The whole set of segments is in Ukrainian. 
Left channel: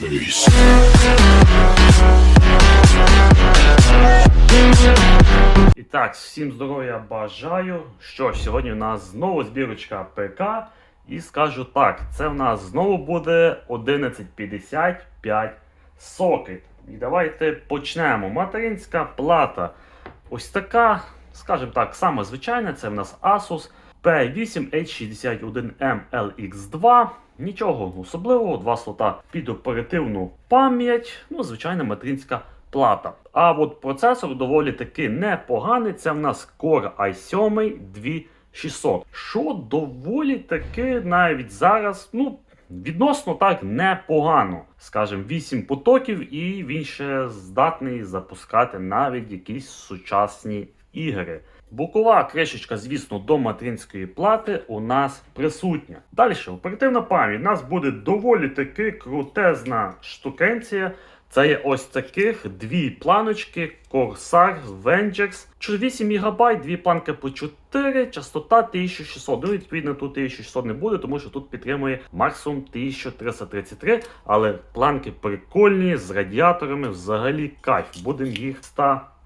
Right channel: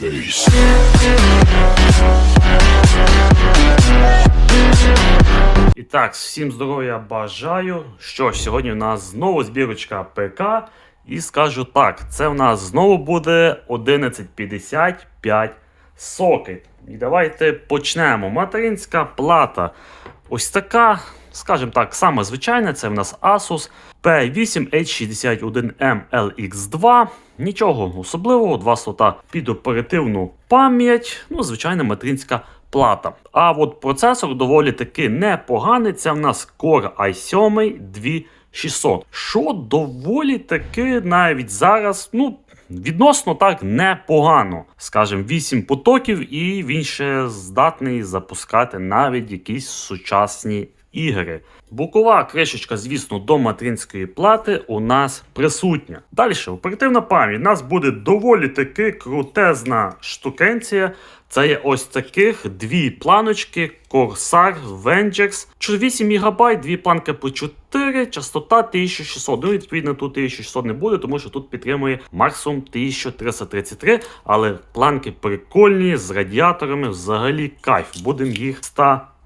face. І так, всім здоров'я бажаю. Що ж, сьогодні у нас знову збірочка ПК. І скажу так, це у нас знову буде 1155 сокет. І давайте почнемо. Материнська плата. Ось така, скажімо так, саме звичайна, це в нас Asus P8H61M LX2. Нічого особливого, два слота під оперативну пам'ять, ну, звичайна материнська плата. А от процесор доволі таки непоганий. Це в нас Core i7 2600, що доволі таки навіть зараз, ну. Відносно так непогано. Скажем, 8 потоків, і він ще здатний запускати навіть якісь сучасні ігри. Бокова кришечка, звісно, до материнської плати у нас присутня. Далі, оперативна пам'ять. У нас буде доволі таки крутезна штукенція. Це є ось таких дві планочки Corsair Vengex. 8 ГБ, дві планки по 4, частота 1600. Ну, відповідно, тут 1600 не буде, тому що тут підтримує максимум 1333. Але планки прикольні з радіаторами, взагалі кайф. Будемо їх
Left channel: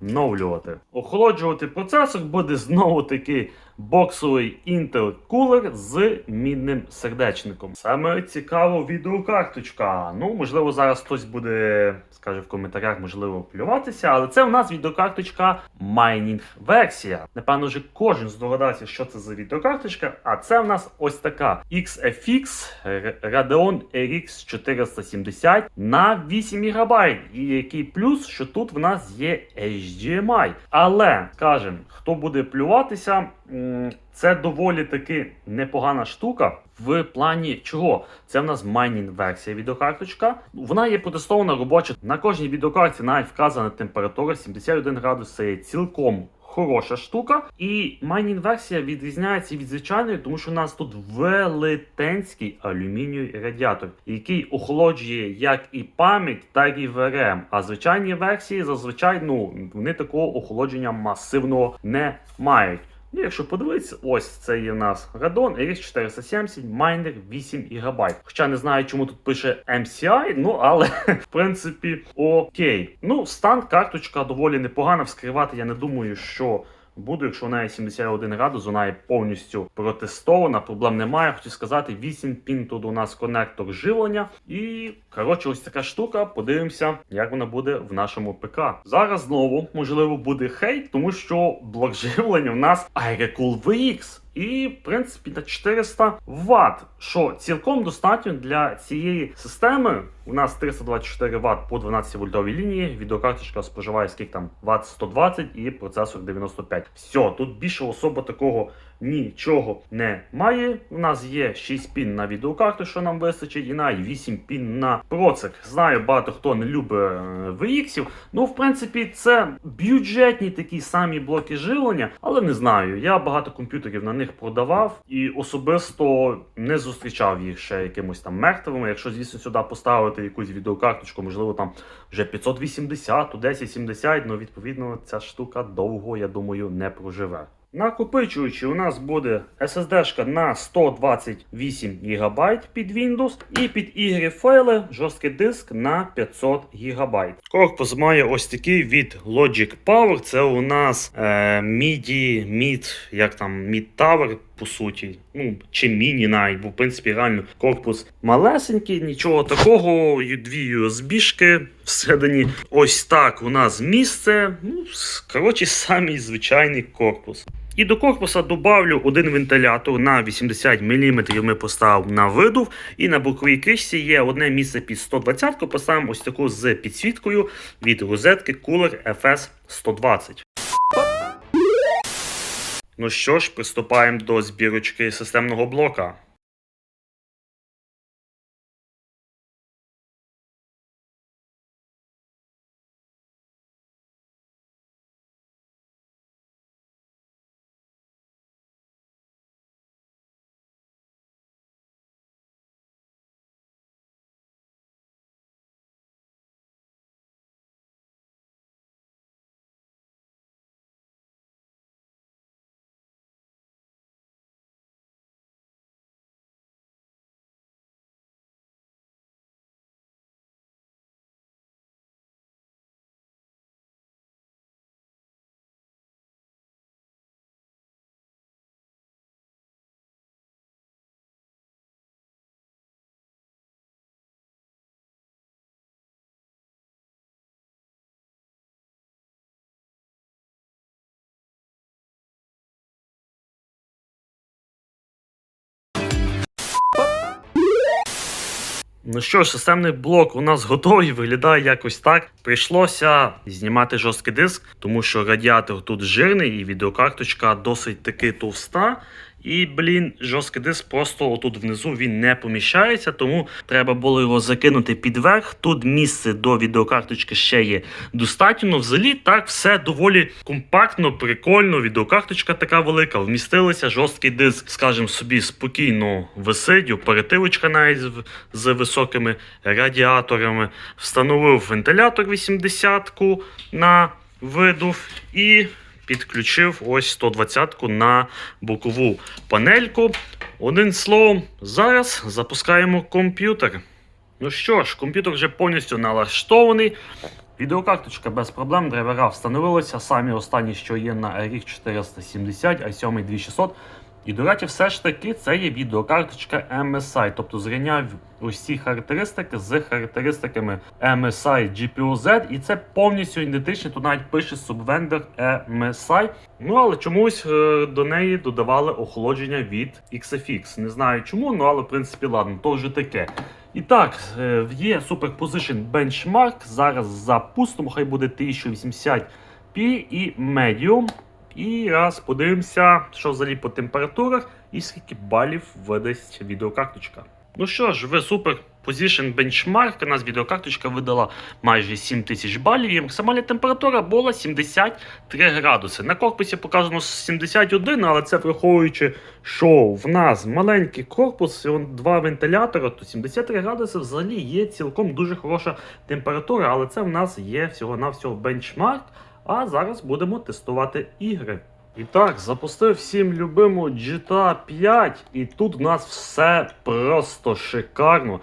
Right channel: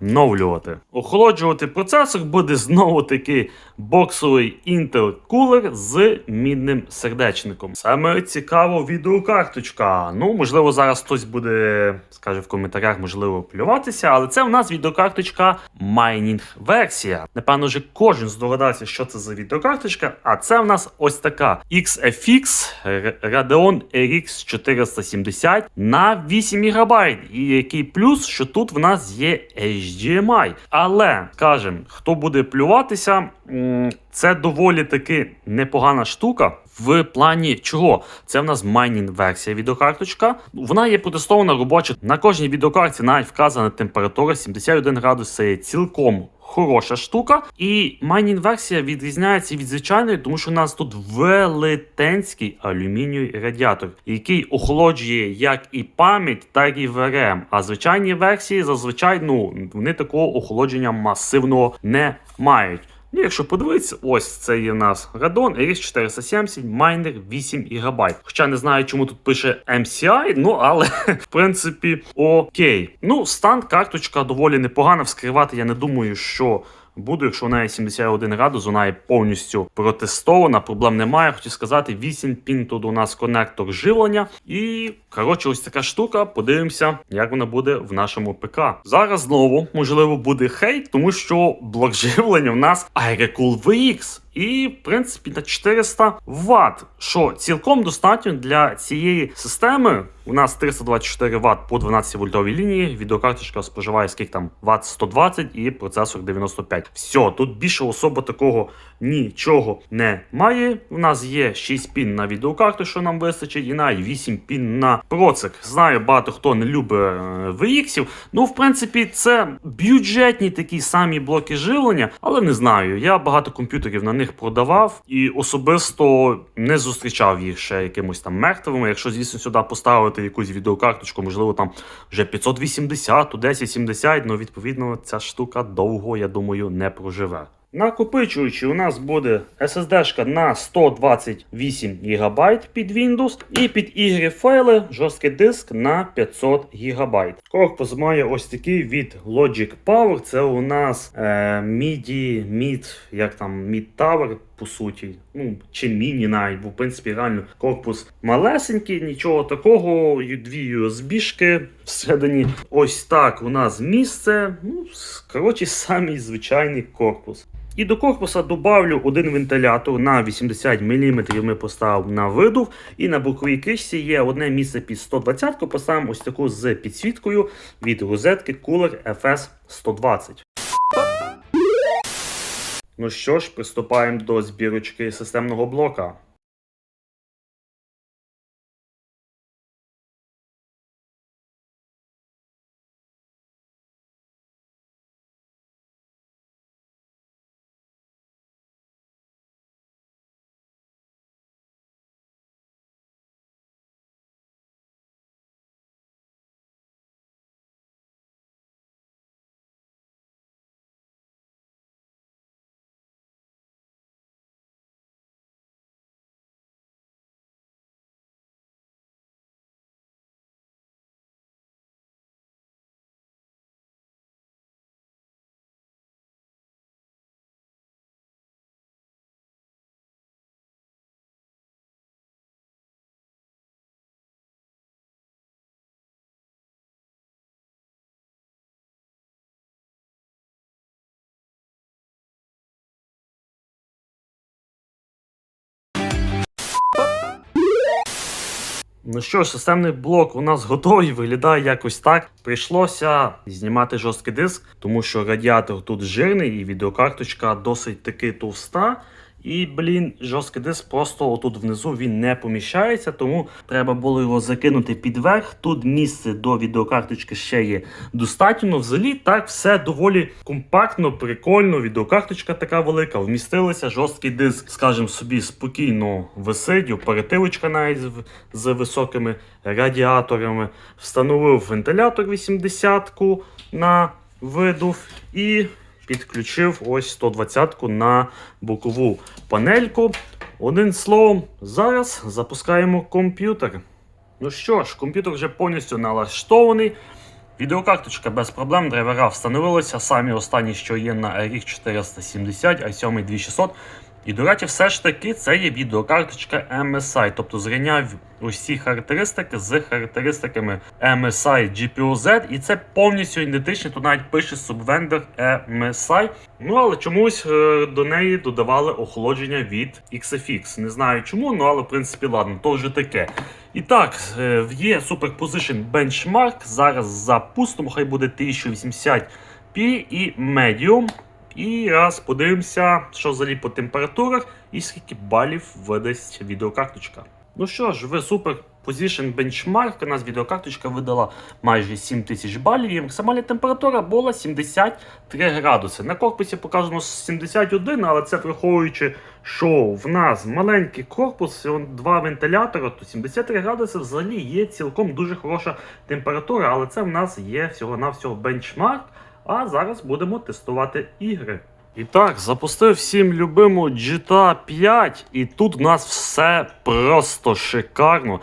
встановлювати. Охолоджувати процесор буде знову таки боксовий Intel кулер з мідним сердечником. Саме цікаво відеокарточка. Ну, можливо, зараз хтось буде, скаже в коментарях, можливо, плюватися, але це в нас відеокарточка майнінг версія. Напевно, вже кожен здогадається, що це за відеокарточка. А це в нас ось така XFX Radeon RX 470 на 8 ГБ. І який плюс, що тут в нас є HDMI. Але, скажем, хто буде плюватися, це доволі таки непогана штука. В плані чого? Це в нас майнінг версія відеокарточка. Вона є протестована робоча. На кожній відеокарті навіть вказана температура 71 градус. Це є цілком хороша штука. І майнінг версія відрізняється від звичайної, тому що у нас тут велетенський алюмінієвий радіатор, який охолоджує як і пам'ять, так і VRM. А звичайні версії зазвичай ну, вони такого охолодження масивного не мають. Ну, якщо подивитися, ось це є в нас Radon RX 470 майнер 8 ГБ. Хоча не знаю, чому тут пише MCI, ну але в принципі окей. Ну, стан карточка доволі непогана. Вскривати я не думаю, що. Буду, якщо вона є 71 градус, вона є повністю протестована, проблем немає. Хочу сказати, 8 пін тут у нас конектор живлення. І коротше, ось така штука. Подивимося, як вона буде в нашому ПК. Зараз знову можливо буде хейт, тому що блок живлення в нас iRecool VX. І, в принципі, на 400 Вт, що цілком достатньо для цієї системи. У нас 324 Вт по 12 вольтовій лінії. Відеокарточка споживає скільки там Вт 120 і процесор 95. Все, тут більше особо такого нічого немає. У нас є 6 пін на відеокарту, що нам вистачить, і навіть 8 пін на процик. Знаю, багато хто не любить е, VX. Ну, в принципі, це бюджетні такі самі блоки живлення, але не знаю. Я багато комп'ютерів на них продавав і особисто не зустрічав їх ще якимось там мертвими. Якщо, звісно, сюди поставити якусь відеокарточку, можливо, там вже 580, 1070, ну відповідно ця штука довго, я думаю, не проживе. Накопичуючи, у нас буде SSD на 128 ГБ під Windows і під ігри файли жорсткий диск на 500 ГБ. Корпус має ось такий від Logic Power. Це у нас е, MIDI, Mid, як там Mid Tower, по суті. Ну, чи міні навіть, бо в принципі реально корпус малесенький, нічого такого. Дві USB-шки всередині. Ось так у нас місце. Ну, коротше, самий звичайний корпус. І до корпуса добавлю один вентилятор на 80 мм ми поставив на видув. І на боковій кришці є одне місце під 120 Поставимо ось таку з підсвіткою від розетки Cooler FS 120. Ну що ж, приступаємо до збірочки системного блока. Ну що ж, системний блок у нас готовий, виглядає якось так. Прийшлося знімати жорсткий диск, тому що радіатор тут жирний і відеокарточка досить таки товста. І, блін, жорсткий диск просто отут внизу він не поміщається, тому треба було його закинути під верх. Тут місце до відеокарточки ще є достатньо. Взагалі так все доволі компактно, прикольно. Відеокарточка така велика, вмістилися жорсткий диск, скажімо собі, спокійно висить, оперативочка навіть з високими радіаторами. Встановив вентилятор 80-ку на видув і підключив ось 120-ку на бокову панельку. Одним словом, зараз запускаємо комп'ютер. Ну що ж, комп'ютер вже повністю налаштований. Відеокарточка без проблем, драйвера встановилися. Самі останні, що є на RX 470, i7 2600. І, до речі, все ж таки це є відеокарточка MSI, тобто зрівняв усі характеристики з характеристиками MSI GPU-Z, і це повністю ідентично, тут навіть пише Subvendor MSI. Ну але чомусь е, до неї додавали охолодження від XFX. Не знаю чому, ну але в принципі ладно, то вже таке. І так, е, є Superposition Benchmark. Зараз запустимо, хай буде 1080p і Medium. І раз подивимося, що взагалі по температурах і скільки балів видасть відеокарточка. Ну що ж, в Super Position Benchmark у нас відеокарточка видала майже 7000 балів, і максимальна температура була 73 градуси. На корпусі показано 71, але це враховуючи, що в нас маленький корпус, два вентилятора, то 73 градуси взагалі є цілком дуже хороша температура, але це в нас є всього-навсього бенчмарк. А зараз будемо тестувати ігри. І так, запустив всім любиму GTA 5, і тут в нас все просто шикарно.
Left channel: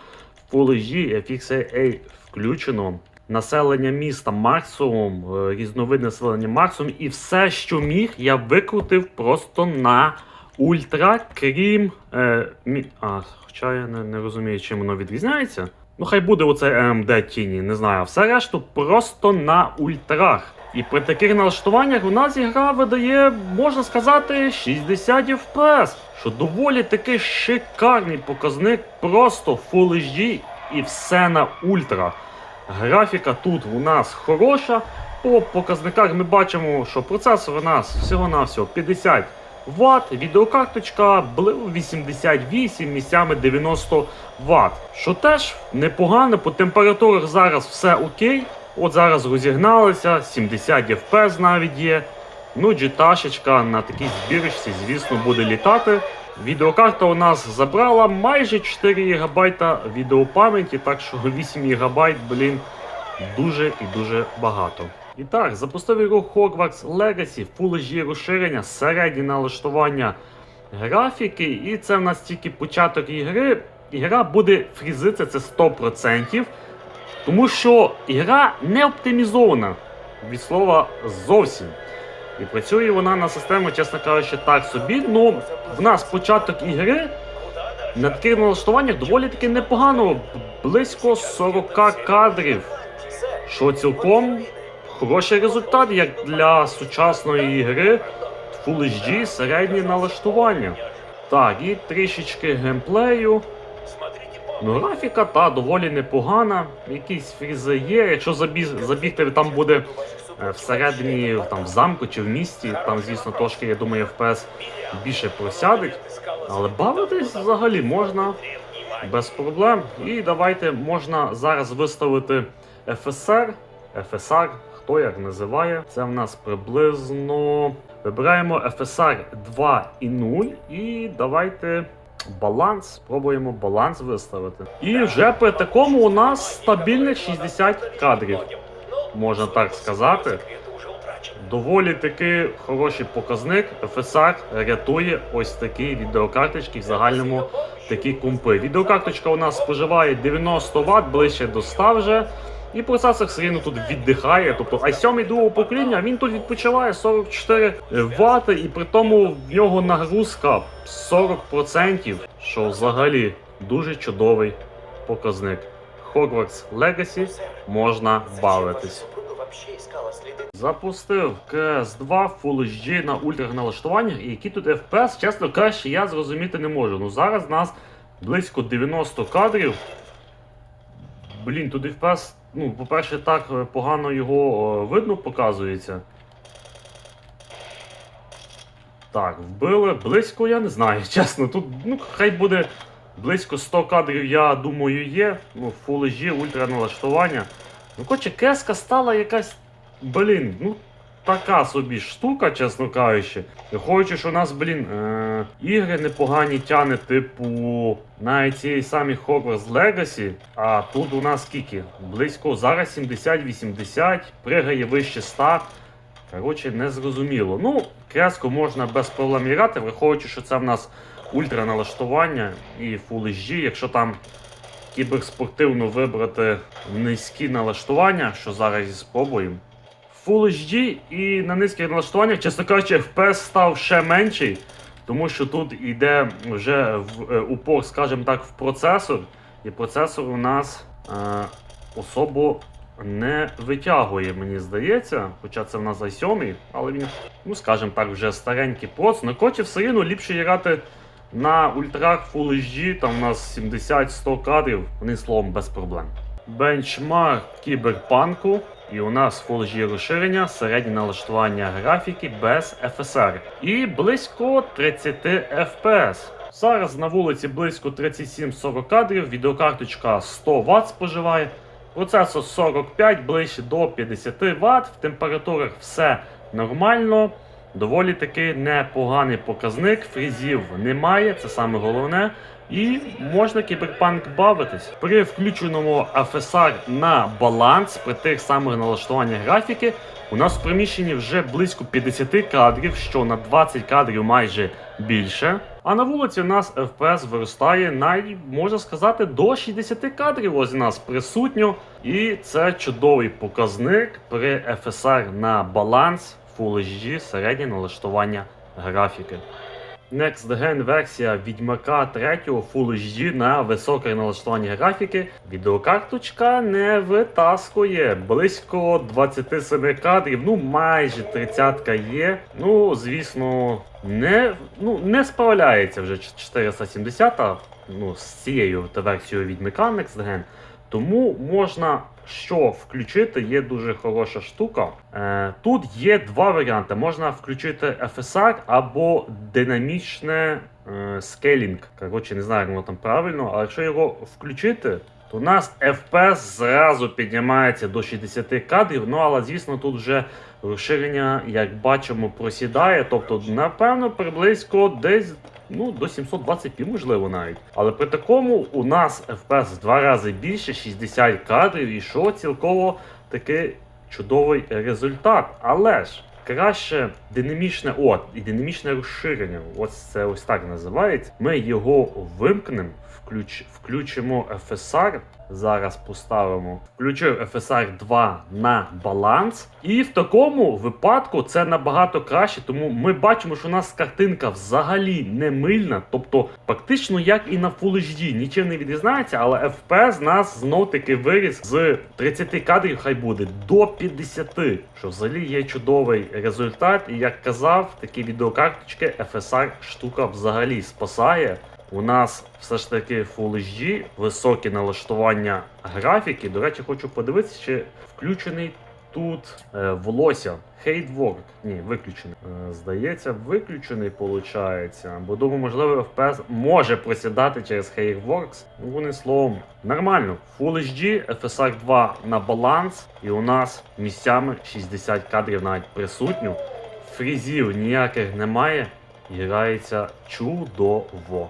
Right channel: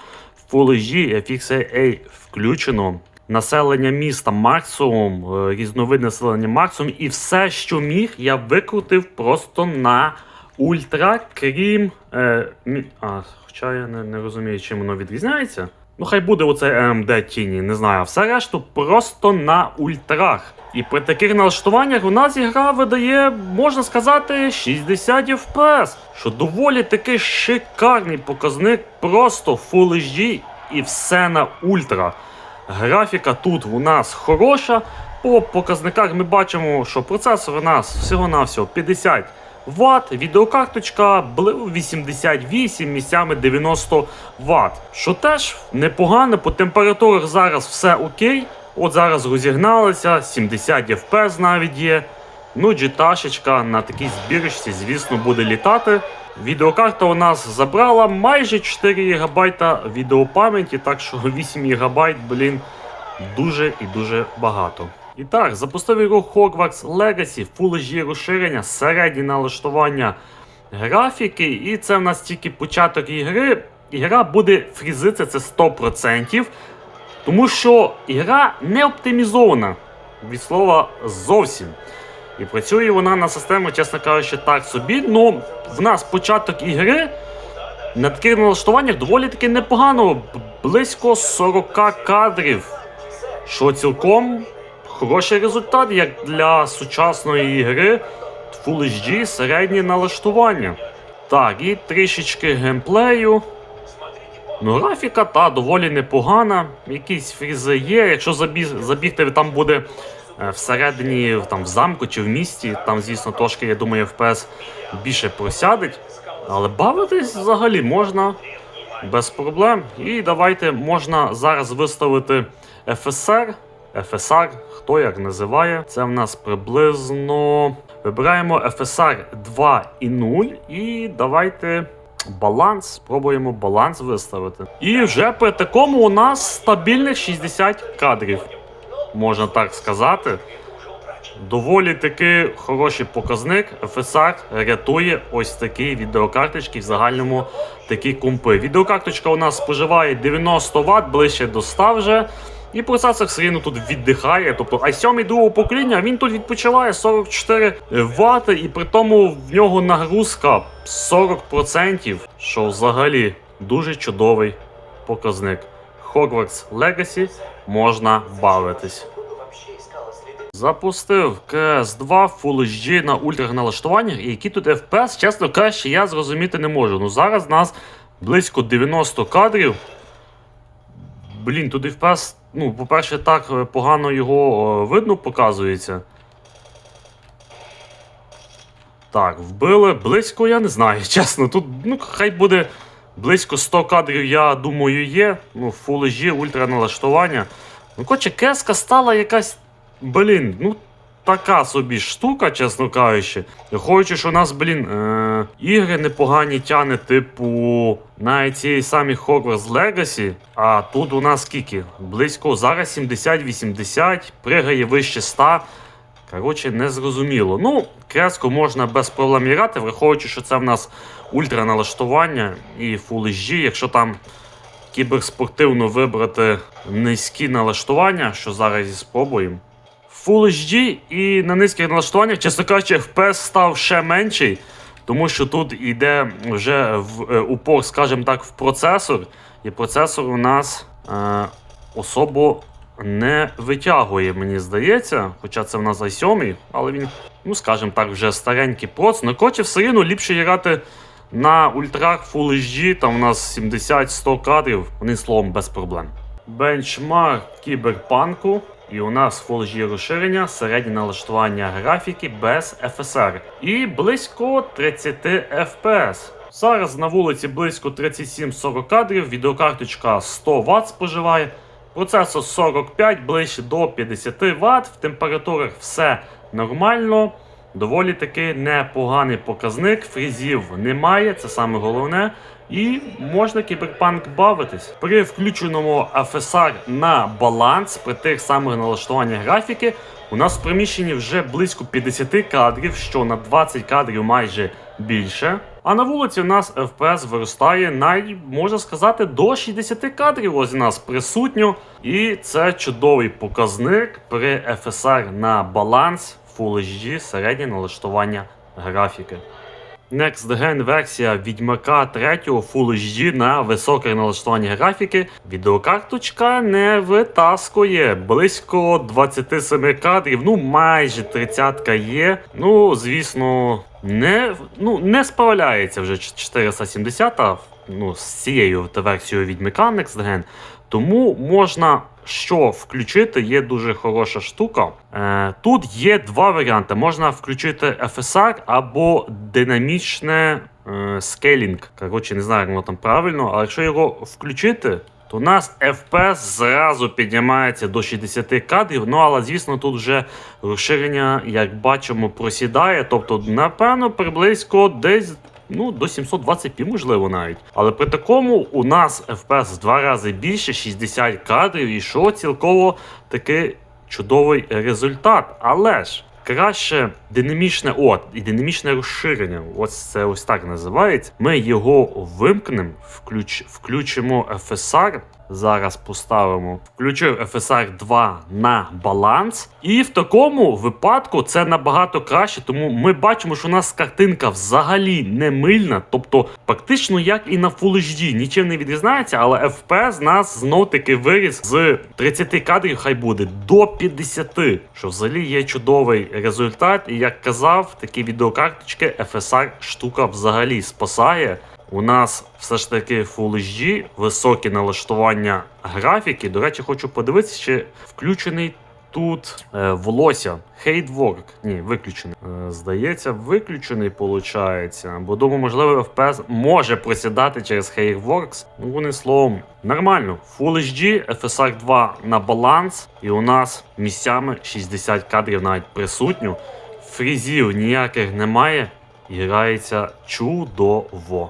Full HD, FXA включено. Населення міста максимум, е, різновид населення максимум, і все, що міг, я викрутив просто на ультра, крім. Е, мі... А, хоча я не, не розумію, чим воно відрізняється. Ну, хай буде оце AMD тіні, не знаю. Все решту просто на ультрах. І при таких налаштуваннях у нас ігра видає, можна сказати, 60 FPS, що доволі таки шикарний показник, просто Full HD і все на ультра. Графіка тут у нас хороша. По показниках ми бачимо, що процесор у нас всього-навсього 50 Вт, відеокарточка 88, місцями 90 Вт. Що теж непогано, по температурах зараз все окей. От зараз розігналися, 70 FPS навіть є. Ну, джиташечка на такій збірочці, звісно, буде літати. Відеокарта у нас забрала майже 4 ГБ відеопам'яті, так що 8 ГБ, блін, дуже і дуже багато. І так, запустив ігру Hogwarts Legacy, Full HD розширення, середнє налаштування графіки, і це в нас тільки початок ігри. Ігра буде фрізитися це 100%. Тому що ігра не оптимізована від слова зовсім. І працює вона на систему, чесно кажучи, так собі. Ну, в нас початок ігри на таких налаштуваннях доволі таки непогано. Близько 40 кадрів. Що цілком хороший результат, як для сучасної ігри Full HD середнє налаштування. Так, і трішечки геймплею. Ну, графіка та доволі непогана. Якісь фрізи є. Якщо забіг, забігти там буде е, всередині там, в замку чи в місті, там, звісно, трошки, я думаю, FPS більше просядить. Але бавитись взагалі можна без проблем. І давайте можна зараз виставити FSR. FSR, хто як називає. Це в нас приблизно. Вибираємо FSR 2.0 і давайте. Баланс, спробуємо баланс виставити. І вже при такому у нас стабільних 60 кадрів, можна так сказати. Доволі таки хороший показник. FSR рятує ось такі відеокарточки в загальному такі компи. Відеокарточка у нас споживає 90 Вт, ближче до 100 вже. І процесор все рівно тут віддихає. Тобто i7 другого покоління він тут відпочиває 44 Вт, і при тому в нього нагрузка 40%, що взагалі дуже чудовий показник. Hogwarts Legacy можна бавитись. Запустив CS2 Full HD на ультрах налаштуваннях, і які тут FPS, чесно кажучи, я зрозуміти не можу. Ну зараз нас близько 90 кадрів. блін, туди FPS, ну, по-перше, так е, погано його е, видно показується. Так, вбили близько, я не знаю, чесно. Тут, ну, хай буде близько 100 кадрів, я думаю, є. Ну, фулежі, ультраналаштування. ультра налаштування. Ну, коротше, кеска стала якась, блін, ну, така собі штука, чесно кажучи. Враховуючи, що у нас, блін, е- ігри непогані тяне, типу, навіть цієї самі Hogwarts Legacy, а тут у нас скільки? Близько зараз 70-80, пригає вище 100. Коротше, не зрозуміло. Ну, креску можна без проблем грати, враховуючи, що це в нас ультра налаштування і Full HD, якщо там кіберспортивно вибрати низькі налаштування, що зараз і спробуємо. Full HD і на низьких налаштуваннях, чесно кажучи, FPS став ще менший, тому що тут йде вже в е, упор, скажімо так, в процесор, і процесор у нас е, особо не витягує, мені здається. Хоча це в нас i7, але він, ну скажімо так, вже старенький проц. На коротше, все рівно ліпше грати на ультрах Full HD, там у нас 70-100 кадрів, вони словом без проблем. Бенчмарк кіберпанку. І у нас Full HD розширення, середнє налаштування графіки без FSR. І близько 30 FPS. Зараз на вулиці близько 37-40 кадрів, відеокарточка 100 Вт споживає. Процесор 45 ближче до 50 Вт. В температурах все нормально. Доволі таки непоганий показник. Фрізів немає, це саме головне. І можна кіберпанк бавитись. При включеному FSR на баланс, при тих самих налаштуваннях графіки, у нас в приміщенні вже близько 50 кадрів, що на 20 кадрів майже більше. А на вулиці у нас FPS виростає навіть, можна сказати, до 60 кадрів ось у нас присутньо. І це чудовий показник при FSR на баланс Full HD середнє налаштування графіки. Next Gen версія Відьмака 3 Full HD на високе налаштування графіки. Відеокарточка не витаскує близько 27 кадрів, ну майже 30 є. Ну, звісно, не, ну, не справляється вже 470 ну, з цією версією Відьмака Next Gen. Тому можна що включити, є дуже хороша штука. Е, тут є два варіанти: можна включити FSR або динамічне е, скейлінг. Коротше, не знаю, як воно там правильно, але якщо його включити, то у нас FPS зразу піднімається до 60 кадрів. Ну але звісно, тут вже розширення, як бачимо, просідає. Тобто, напевно, приблизько десь. Ну, до 720p, можливо, навіть. Але при такому у нас FPS в два рази більше, 60 кадрів, і що цілково таки чудовий результат. Але ж краще динамічне от, і динамічне розширення. Ось це ось так називається. Ми його вимкнемо, включ, включимо FSR. Зараз поставимо. Включив FSR 2 на баланс. І в такому випадку це набагато краще, тому ми бачимо, що у нас картинка взагалі не мильна, тобто практично як і на Full HD, нічим не відрізняється, але FPS нас знов таки виріс з 30 кадрів, хай буде до 50, що взагалі є чудовий результат. І як казав, такі відеокарточки FSR штука взагалі спасає. У нас все ж таки Full HD, високі налаштування графіки. До речі, хочу подивитися, чи включений тут е, волосся. Хейтворк. Ні, виключений. Е, здається, виключений виходить. Бо думаю, можливо, FPS може просідати через Hairworks. Ну, вони словом, нормально. Full HD, FSR 2 на баланс, і у нас місцями 60 кадрів навіть присутньо. Фрізів ніяких немає. І грається чудово.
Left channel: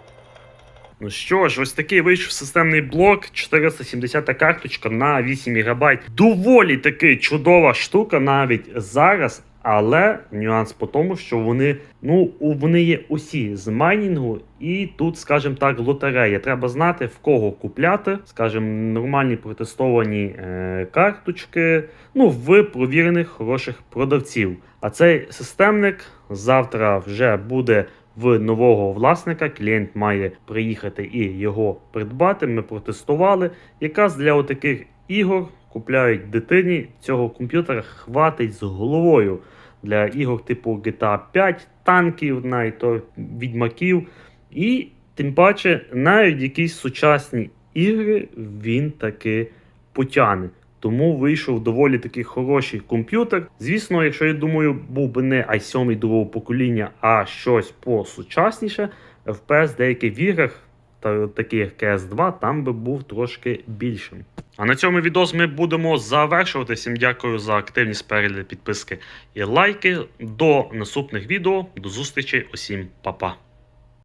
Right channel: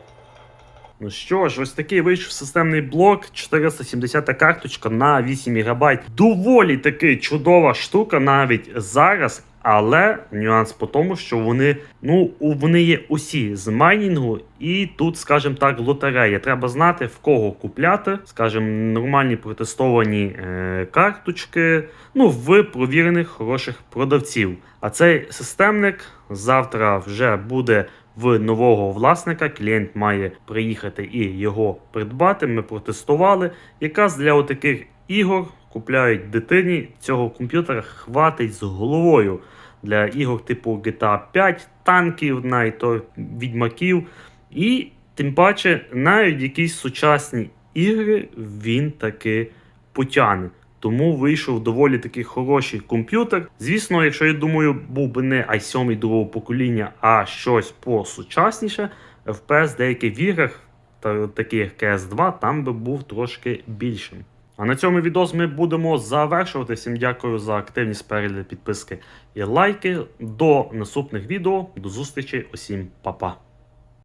Ну що ж, ось такий вийшов системний блок, 470 карточка на 8 ГБ. Доволі таки чудова штука навіть зараз. Але нюанс по тому, що вони ну вони є усі з майнінгу, і тут, скажімо так, лотерея. Треба знати в кого купляти, скажімо, нормальні протестовані е, карточки. Ну, в провірених хороших продавців. А цей системник завтра вже буде в нового власника. Клієнт має приїхати і його придбати. Ми протестували. Якраз для отаких ігор купляють дитині цього комп'ютера хватить з головою для ігор типу GTA 5, танків, навіть відьмаків. І тим паче, навіть якісь сучасні ігри він таки потягне. Тому вийшов доволі такий хороший комп'ютер. Звісно, якщо я думаю, був би не i7 другого покоління, а щось посучасніше, FPS деяких в іграх, та таких як CS2, там би був трошки більшим. А на цьому відео ми будемо завершувати. Всім дякую за активність, перегляд, підписки і лайки. До наступних відео. До зустрічі. Усім па-па.